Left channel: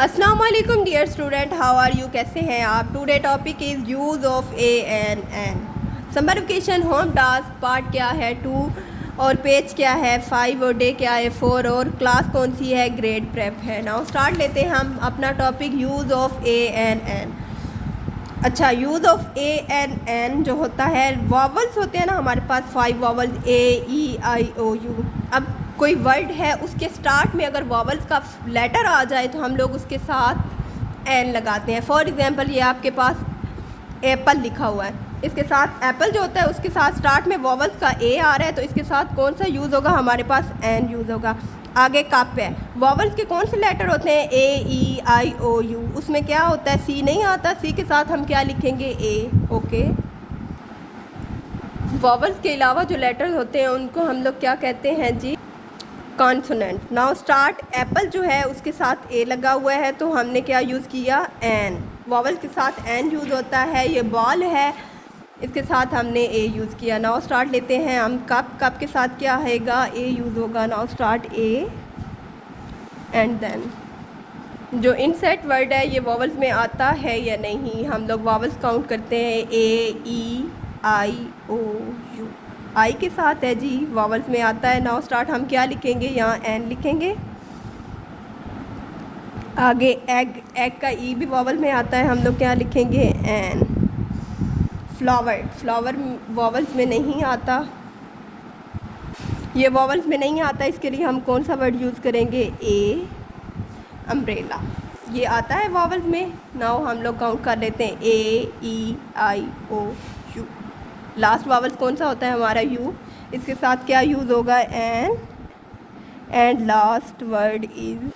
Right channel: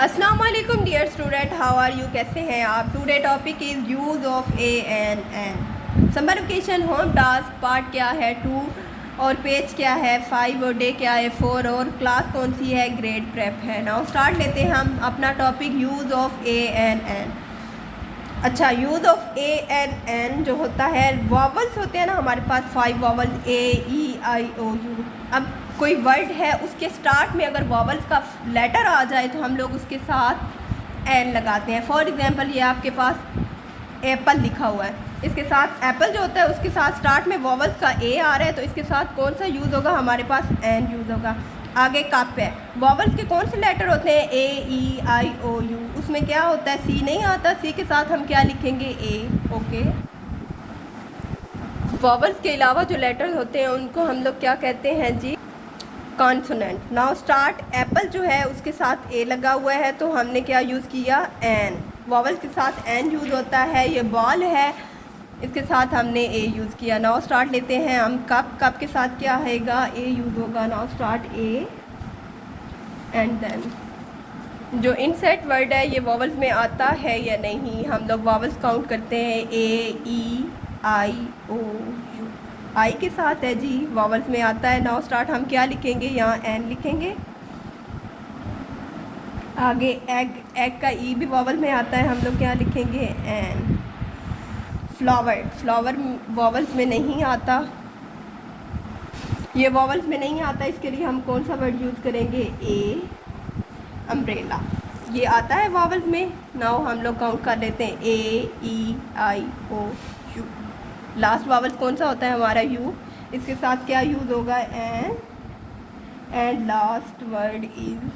अस्सलाम वालेकुम dear student, how are you? कैसे हैं आप? Today topic is use of a an. Summer vacation, home task, part क्या है 2 और पेज क्या है 5 और डे क्या है 4 और क्लास कौन सी है ग्रेड प्रेप है। नाउ स्टार्ट लेते हैं हम अपना topic use of a an. अच्छा, यूज़ ऑफ ए एन जो होता है, वॉवल्स होते हैं ना हमारे पास 5 vowels A E I O U। अब कोई वर्ड है उसके स्टार्ट में अगर वॉवल्स का लेटर आ जाए तो हम लोग उसके साथ एन लगाते हैं। फॉर एग्जांपल ये आपके पास एप्पल लिखा हुआ है, इसके साथ एप्पल जो होता है उसके साथ स्टार्ट में वॉवल्स का ए आ रहा है तो इसके साथ कौन सा यूज़ होगा? हमारे पास एन यूज़ होगा। आगे कप है, वॉवल्स के कौन से लेटर होते हैं? A E I O U। उसमें क्या होता है? सी नहीं आता, सी के साथ हम क्या लिखेंगे? ए। ओके, वॉवल्स के अलावा जो लेटर होते हैं उनको हम लोग क्या कहते हैं जी? कॉन्सोनेंट। नाउ स्टार्ट, एप्पल जो है उसके साथ ए लगा हुआ है तो हमने क्या यूज़ किया? एन। वॉवल के साथ एन यूज़ होता है। ये बॉल है, इसके साथ हमने ए यूज़ किया। नाउ स्टार्ट लेते हैं हम कप, कप के साथ क्या आएगा? ए यूज़ होगा। Now start a and then जो इनसेट वर्ड है ये वॉवल्स में आता है या नहीं? हम लोग वॉवल्स काउंट करते हैं। A E I O U, आई के साथ है जी, वॉवल्स में आता है। नाउ स्टार्ट, हम क्या लिखेंगे? यहाँ एन लिखेंगे। आगे एग, एग का ई भी वॉवल में आता है, हम लोग क्या लिखेंगे? एन। फ्लावर, फ्लावर वॉवल्स में नहीं आता, ये वॉवल्स में नहीं आता, इसके लिए हम कौन सा वर्ड यूज़ करेंगे? ए। अम्ब्रेला, ये आता है वॉवल्स में। नाउ हम लोग काउंट कर लेते हैं। A E I O U। Last vowel कौन सा होता है? हमारा यू। इसके साथ क्या यूज़ होगा? An. And last word is,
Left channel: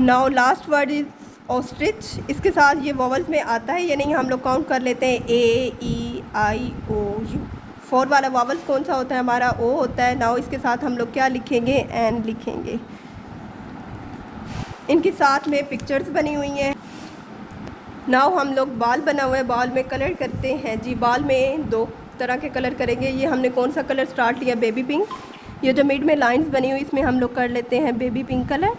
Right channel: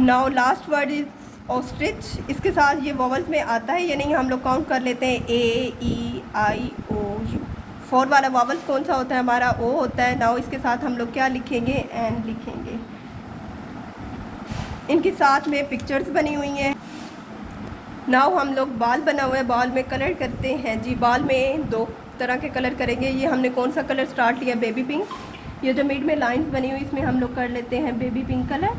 now last word is ostrich. इसके साथ ये वॉवल्स में आता है या नहीं? हम लोग काउंट कर लेते हैं। A E I O U। 4 वाला वॉवल्स कौन सा होता है? हमारा ओ होता है। नाउ इसके साथ हम लोग क्या लिखेंगे? एन लिखेंगे। इनके साथ में पिक्चर्स बनी हुई हैं। नाउ हम लोग बाल बना हुआ है, बाल में कलर करते हैं जी। बाल में 2 तरह के कलर करेंगे। ये हमने कौन सा कलर स्टार्ट लिया? Baby pink. ये जो मिड में लाइंस बनी हुई इसमें हम लोग कर लेते हैं baby pink colour.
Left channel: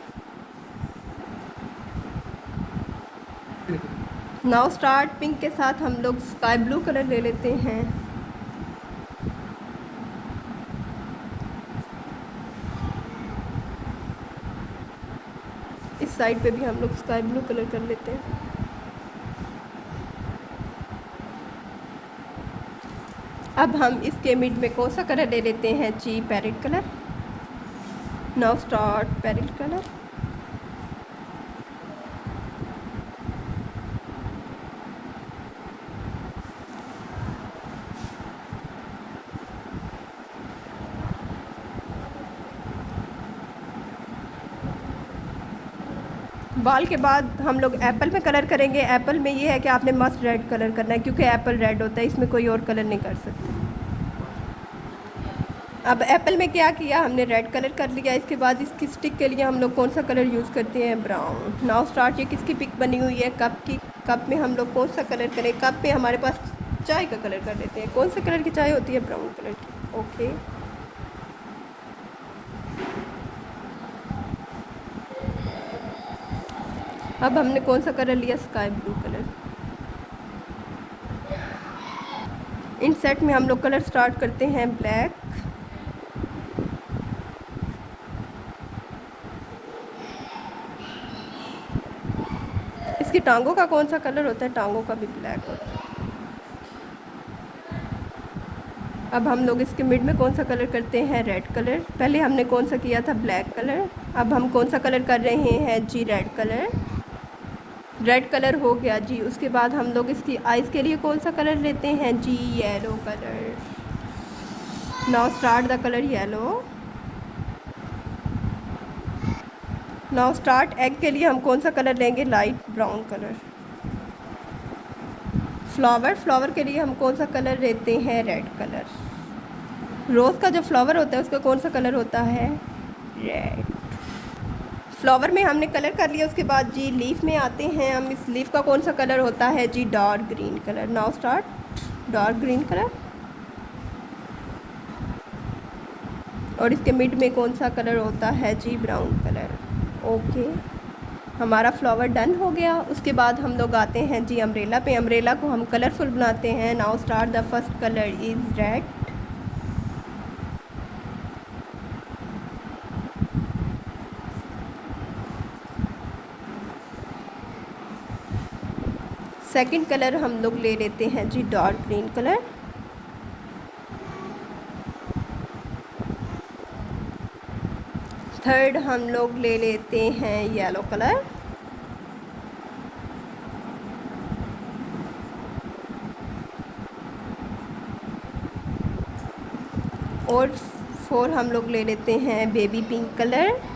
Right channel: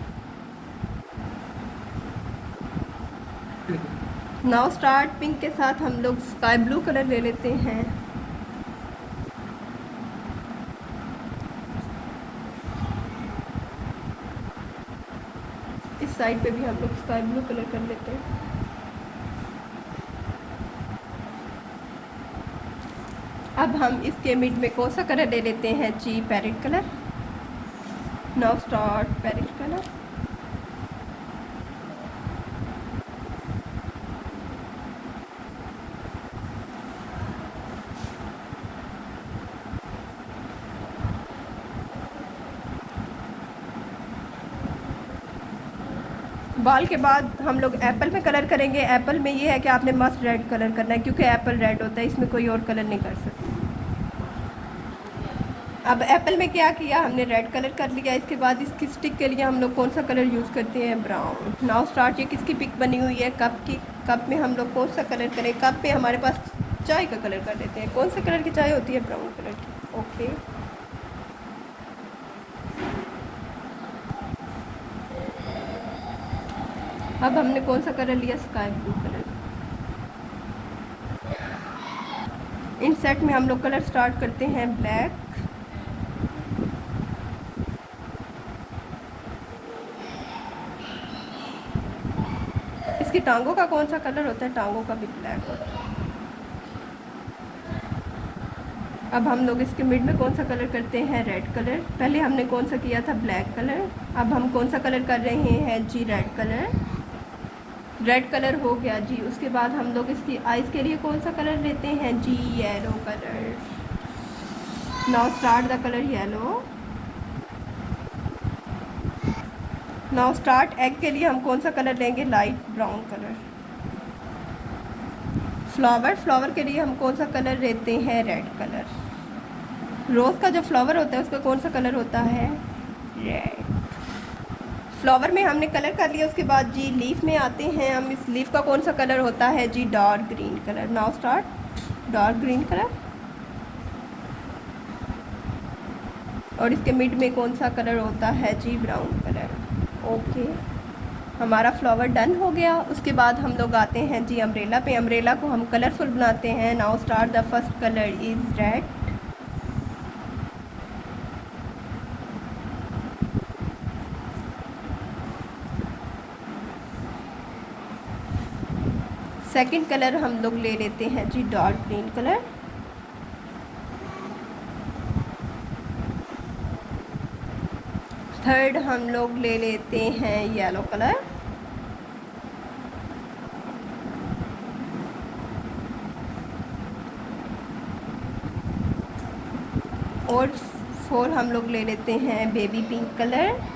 Now start, pink के साथ हम लोग स्काई ब्लू कलर ले लेते हैं। इस साइड पे भी हम लोग स्काई ब्लू कलर कर लेते हैं। अब हम इसके मिड में कौन सा कलर ले लेते हैं जी? Parrot colour. Now start, parrot colour. बाल के बाद हम लोग एप्पल में कलर करेंगे। एप्पल में ये है कि आपने मस्ट रेड कलर करना है क्योंकि एप्पल रेड होता है, इसमें कोई और कलर नहीं कर सकते। अब एप्पल में क्या किया? हमने रेड कलर कर लिया। इसके बाद इसकी स्टिक के लिए हम लोग कौन सा कलर यूज़ करते हैं? ब्राउन। नाउ स्टार्ट, ये किसकी पिक बनी हुई है? कप की। कप में हम लोग कौन सा कलर करें? कप में हमारे पास चाय का कलर कर देते हैं। कौन सा कलर की चाय होती है? ब्राउन कलर की। ओके, अब हमने कौन सा कलर लिया? Sky blue colour. इन सेट में हम लोग कलर स्टार्ट करते हैं ब्लैक। इसकी टांगों का कौन सा कलर होता है? टांगों का भी ब्लैक होता है। अब हम लोग इसके मिड में कौन सा कलर करते हैं? Red colour. पहले हमने कौन सा किया था? Black colour. अब हम कौन सा कलर कर रहे हैं जी? Red colour. रेड कलर हो गया जी। उसके बाद हम लोग इसकी आइज़ के लिए कौन सा कलर लेते हैं जी? Yellow colour. Now start the colour yellow. Now start, egg के लिए हम कौन सा कलर लेंगे? Light brown colour. Flower, flower के लिए हम कौन सा कलर लेते हैं? Red colour. रोज़ का जो फ्लावर होता है उसका कौन सा कलर होता है? रेड। फ्लावर में हमने कलर कर लिया। उसके बाद जी लीफ में आते हैं हम। इस लीफ का कौन सा कलर होता है जी? Dark green colour. Now start, dark green colour. और इसके मिड में कौन सा कलर होता है जी? Brown colour. ओके, हमारा फ्लावर डन हो गया। उसके बाद हम लोग आते हैं जी अम्ब्रेला पे। अम्ब्रेला को हम कलरफुल बनाते हैं। Now start. The first colour is red. Second colour हम लोग ले लेते हैं जी डार्क ग्रीन कलर। थर्ड हम लोग ले लेते हैं येलो कलर। और फोर हम लोग ले लेते हैं बेबी पिंक कलर।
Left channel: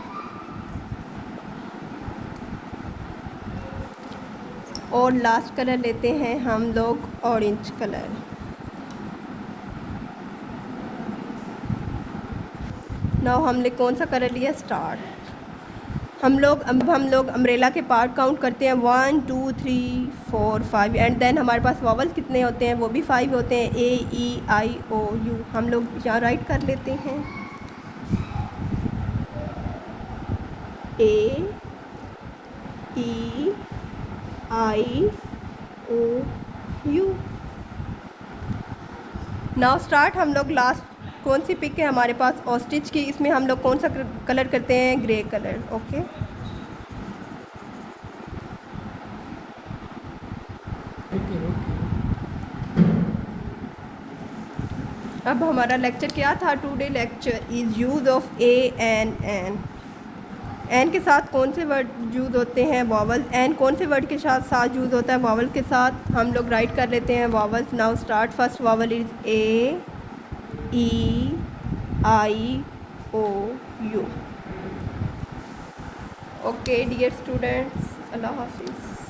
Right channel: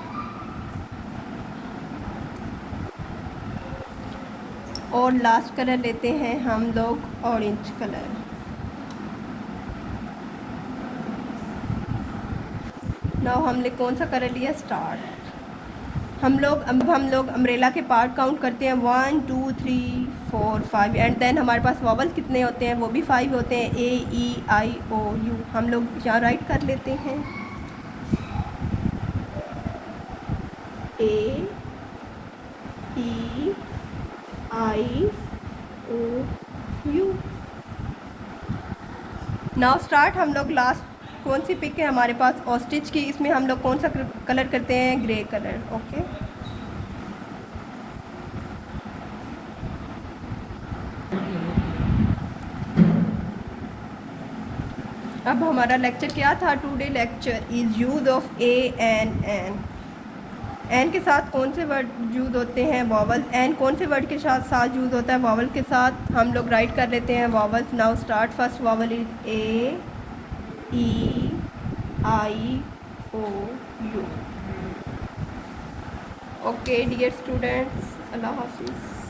और लास्ट कलर लेते हैं हम लोग ऑरेंज कलर। नाउ हमने कौन सा कलर लिया? स्टार। हम लोग अम्ब्रेला के पार्ट काउंट करते हैं 1 2 3 4 5 एंड देन हमारे पास वॉवल्स कितने होते हैं? वो भी 5 होते हैं। ए ई आई ओ यू। हम लोग यहाँ राइट कर लेते हैं ए E I O you. Now start. हम लोग लास्ट कौन सी पिक है हमारे पास? ऑस्ट्रिच की। इसमें हम लोग कौन सा कलर करते हैं? Grey colour. ओके। अब हमारा लेक्चर क्या था? Today lecture is use of a an. An के साथ कौन से वर्ड यूज़ होते हैं? वॉवल। एन कौन से वर्ड के साथ यूज़ होता है? वॉवल के साथ। हम लोग राइट कर लेते हैं vowels. Now start. First vowel is A E I O U. Okay dear students, अल्लाह हाफिज़।